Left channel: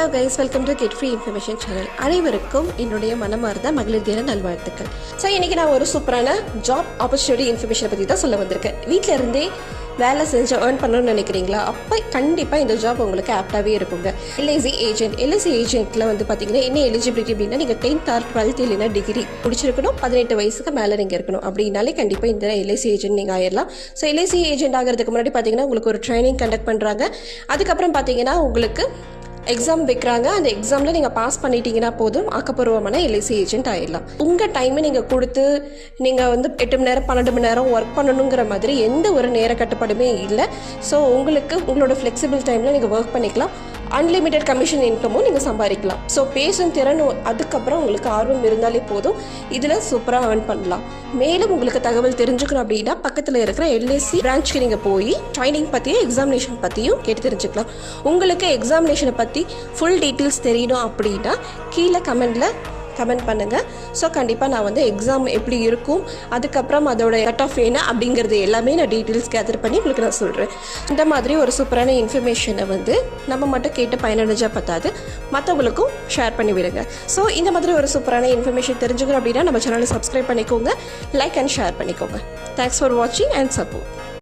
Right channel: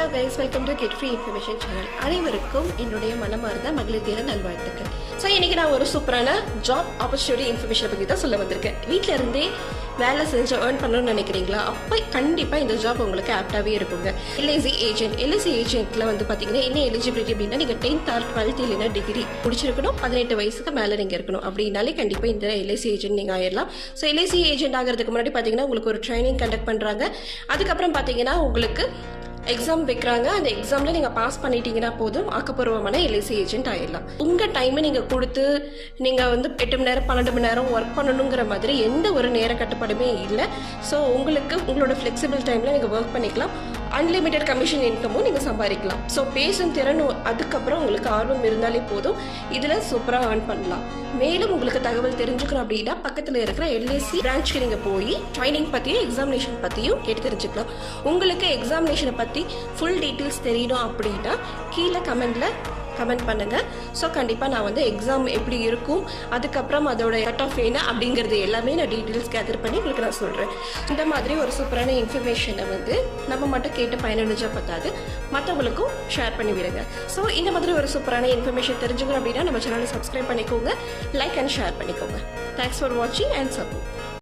Hello guys, welcome to get free information channel. அனைவருக்கும் என்னுடைய மனமார்ந்த மகளிர் தின நல்வாழ்த்துக்கள். ஸோ இன்றைக்கி நான் ஒரு சூப்பரான ஜாப் ஆப்பர்ச்சுனிட்டி இன்ஃபர்மேஷனை பற்றி தான் சொல்ல வந்திருக்கேன். வீட்டில் இருந்தே வேலை செஞ்சு ஏர்ன் பண்ணணும்னு நினைக்கிறீங்களா? அப்போ கண்டிப்பாக இந்த ஜாப் உங்களுக்கு ஆப்டாகவே இருக்குங்க. எல்ஐசி ஏஜென்ட்டில் வந்து பார்த்தீங்கன்னா என்ன எலிஜிபிலிட்டி அப்படின்னா, நீங்கள் 10th or 12th இல்லைன்னா டிகிரி முடிச்சிருக்கணும், 18 வயசுக்கு மேலே நீங்கள் இருக்கணும். அப்படின்னாலே கண்டிப்பாக இந்த எல்ஐசி ஏஜென்ட் நீங்கள் ஆயிடலாம். ஸோ எல்ஐசி ஏஜென்ட் ஆகிறதுக்கு முன்னாடி பார்த்தீங்கன்னா உங்களுக்கு ஒரு ட்ரைனிங் கண்டக்ட் பண்ணுறாங்க. அதுக்கப்புறம் பார்த்தீங்கன்னா உங்களுக்கு எக்ஸாம் வைக்கிறாங்க. அந்த எக்ஸாமில் நீங்கள் பாஸ் பண்ணிட்டீங்கன்னா போதும், ஆக்கப்பூர்வமான எல்ஐசி ஏஜென்ட் ஆகிடலாம். உங்கள் டைமை நீங்கள் கொடுத்து நீங்கள் வந்து 8 மணி நேரம் 12 மணி நேரம் ஒர்க் பண்ணணுங்கிற மாதிரி எந்த ஒரு நேர கட்டுப்பாடுமே இல்லை. ஸோ உங்களுக்கு உங்களோட ஃப்ளெக்சிபிள் டைமில் நீங்கள் ஒர்க் பண்ணிக்கலாம். அன்லிமிட்டெட் கமிஷன் இன்கமும் நீங்கள் சம்பாதிக்கலாம். ஸோ பேசும் திறன், அதுக்கப்புறம் உங்களுக்கு ஆர்வம் இருந்தாலே போதும், இதில் சூப்பராக ஏர்ன் பண்ணலாம். மேலும் உங்களுக்கு தகவல் தெரிஞ்சுக்கணும் அப்படின்னா பக்கத்தில் இருக்கிற எல்ஐசி பிரான்ச்சுக்கு நீங்கள் போய் ட்ரைனிங் பற்றியும் எக்ஸாமினேஷன் பற்றியும் கேட்டு தெரிஞ்சுக்கலாம். உங்களுக்கு எக்ஸாமினேஷனை பற்றி ஃபுல் டீட்டெயில்ஸ் தெரியணும் அப்படின்னா கீழே கமெண்ட் பண்ணுங்கள். ஸோ கண்டிப்பாக நான் வந்து எக்ஸாம் எப்படி இருக்கும், அதுக்கப்புறம் அதோட கட் ஆஃப் என்ன அப்படிங்கிறது எல்லாமே நான் டீட்டெயில்ஸ் கேதர் பண்ணி உங்களுக்கு நான் சொல்கிறேன். இந்த மாதிரி ஒரு சூப்பரான இன்ஃபர்மேஷனை வந்து நம்ம மட்டும் கேட்டு பயனடைஞ்சால் பத்தாது, மற்றவங்களுக்கும் ஷேர் பண்ணி விடுங்க. ஸோ இந்த மாதிரி ஒரு சூப்பரான இன்ஃபர்மேஷன் தெரிஞ்சுக்கணும் அப்படின்னா நம்ம சேனலை சப்ஸ்கிரைப் பண்ணிக்கோங்க, லைக் அண்ட் ஷேர் பண்ணிக்கோங்க. தேங்க்ஸ் ஃபார் வாட்சிங் அண்ட் சப்போர்ட்.